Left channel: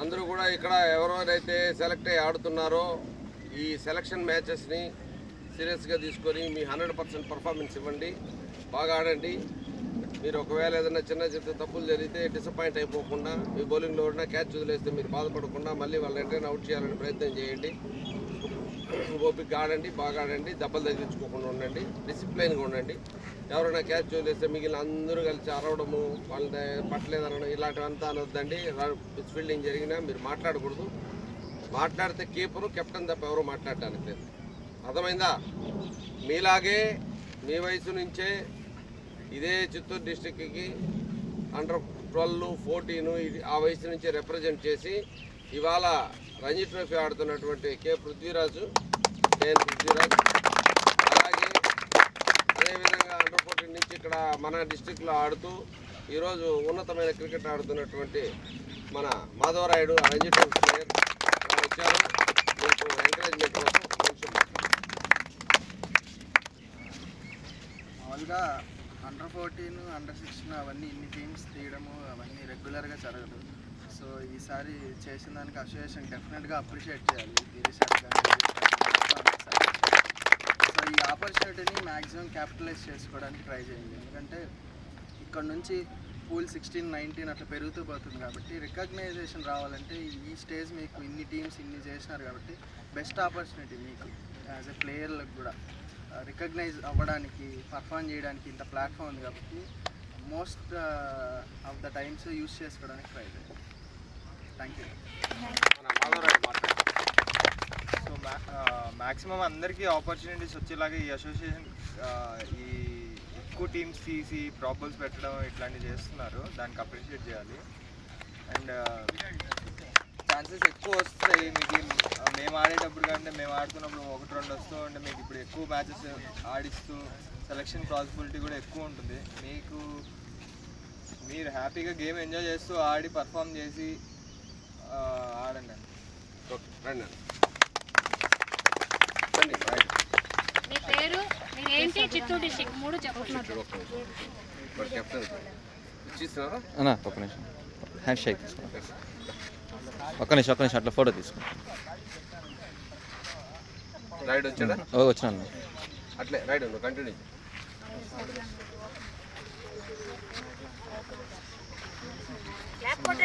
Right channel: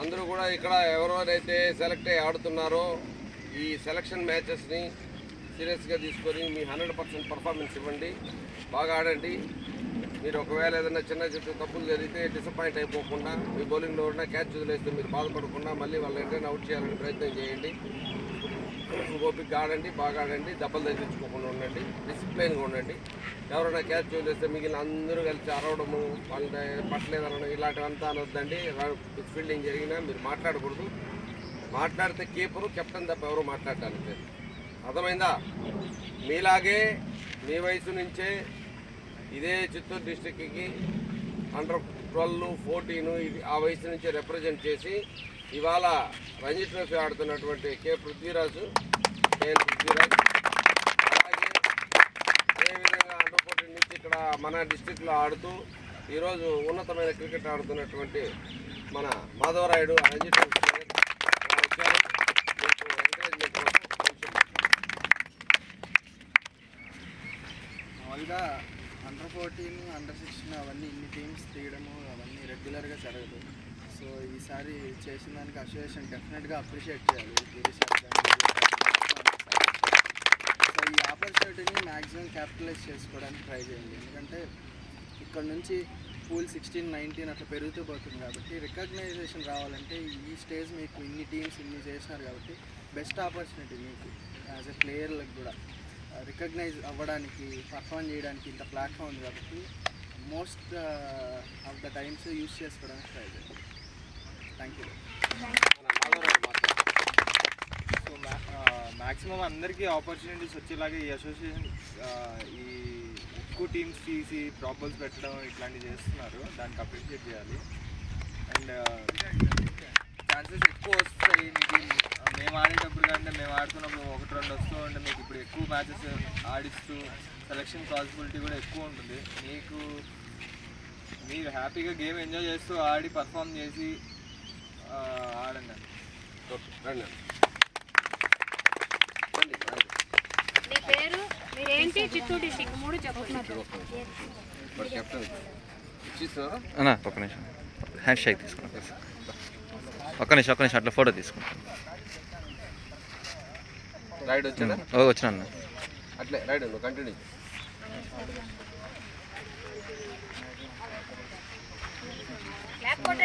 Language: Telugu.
అందరూ కూడా ఇక్కడ ఎవరెవరైతే సెలెక్ట్ అయ్యి ఆడుతున్నారో ఈ సెలక్షన్ మ్యాచెస్ని సీరియస్గా తీసుకొని మీ 100% పర్ఫార్మెన్స్ ఇవ్వండి, బాగా ఆడండి. మీరు ఒకవేళ ఏదైనా చిన్న చిన్న తప్పులు జరిగితే డిసప్పాయింట్ అయిపోకుండా, మీ బౌలింగ్లో ఉన్న క్యాచ్ వదిలేస్తే మీరు బాధపడకుండా మళ్ళీ వాళ్ళ వెంటనే అవుట్ చేయాలని ప్రయత్నం చేయండి. ఓపిక ఆడండి, బాగా ఆడండి, దెబ్బలు తగ్గించుకోకుండా ఉండండి, డిసిప్లైన్గా ఉండండి. ఎవరైనా క్యాచ్ వదిలేస్తే మిగిలిన అందరూ కలిసి అరవడము, వాళ్ళని పట్టలేదనడం ఇలాంటివంతా అనొద్దండి. పిచ్ ఫీల్డింగ్ జరిగినా మీరు మాట్లాడకూడదు. మాట్లాడితే కీపరు కెప్టెన్ తప్ప ఎవరు మాట్లాడటానికి. అర్థమైందా? మీలాగే మీ వయసు నుంచే ఇదే చిత్తూరు డిస్టిక్కి అండర్ 12, 14 ఇది ఆ వయసు నుంచి రిప్రజెంట్ చేసి ఇవాళ రంజీ ట్రోఫీ ఆడుతున్నటువంటి కేఎన్ పృథ్వీరాజ్, అలాగే అదేవిధంగా అండర్ 14 నుంచి ఇక్కడ మన డిస్టిక్లో ఆడుతూ ఈరోజు ఉన్నతమైన క్రికెట్ ఆడుతున్నటువంటి మన మాధవరాయుడు రంజీ ట్రోఫీ ప్లేయర్ వచ్చారు. మీకు ఎంకరేజ్మెంట్ కోసం కొంచెం మామూలుగా అండర్ 14, అండర్ 16 అవన్నీ ఇన్ని టీమ్స్ తీయడము అవన్నీ రెగ్యులర్గా జరగదు. సో ఈసారి చేసిన దానికి అసోసియేషన్ డెఫినెట్గా అప్రిషియేట్ చేయాలి గిరీష్ సార్ కానీ. సో ఈ ఆపర్చునిటీని మ్యాక్సిమం క్యాపిటలైజ్ చేసుకోవడానికి ట్రై చేయండి. ఎందుకంటే ఇక్కడ నుంచి పూల్ 16, 19 అట్లా పెరుగుతూ పోతుంది కాబట్టి రికగ్నైజేషన్ రావాలంటే ఈ స్టేజ్ మీకు ఇన్ని టీమ్స్ ఇన్ని చేసినారు కాబట్టి బెస్ట్ ఆపర్చునిటీ మీకు యాజ్ ఎ ప్లేయర్లకు కూడా రికగ్నైజ్ అవ్వడానికి, పర్ఫామ్ చేయడానికి ఇంత ప్లాట్ఫామ్ ఉంది కాబట్టి most of the times use చేసుకోవడానికి ట్రై చేయండి. Thank you. సో మ్యాక్సిమం అందరికీ ఆపర్చునిటీస్ వచ్చేలాగా ఈ అసోసియేషన్ ఈ ఎక్కువ టీమ్స్ తీసి ప్రాబల్స్ పెట్టడం ఇట్లాంటివి చేస్తున్నారు. దానికి అప్రిషియేట్ చేయాలి. అండ్ ఛాన్సెస్ ఎక్కువ వస్తాయి మీకు. మేము ఆడేటప్పుడు కంటే మేము ఆడుతున్నప్పుడు 1-2 వస్తూ ఉంటే మీకు ఇప్పుడు ఎక్కువ మ్యాచెస్ ఆడిస్తూ సెలక్షన్ పాసిబిలిటీ కూడా ఎక్కువ ఉంటుంది. మీరు హ్యాపీగా గేమ్ ఎంజాయ్ చేస్తూ ఆడి పర్ఫామ్ చేసి ఆడండి. మీ పేరు, మీరేంటి, చిత్తూరు డిస్ట్రిక్ట్ 3 చెప్తున్నారు. ఒక్క నిమిషం హ్యాండ్ షేక్ తీసుకున్నాను. ఒక్క నిమిషం అట్లా ఫోటో తీసుకుంటాను. రైడ్ వచ్చాడా? వచ్చినా అట్లే రైడ్ కంటిన్యూ. లేకపోతే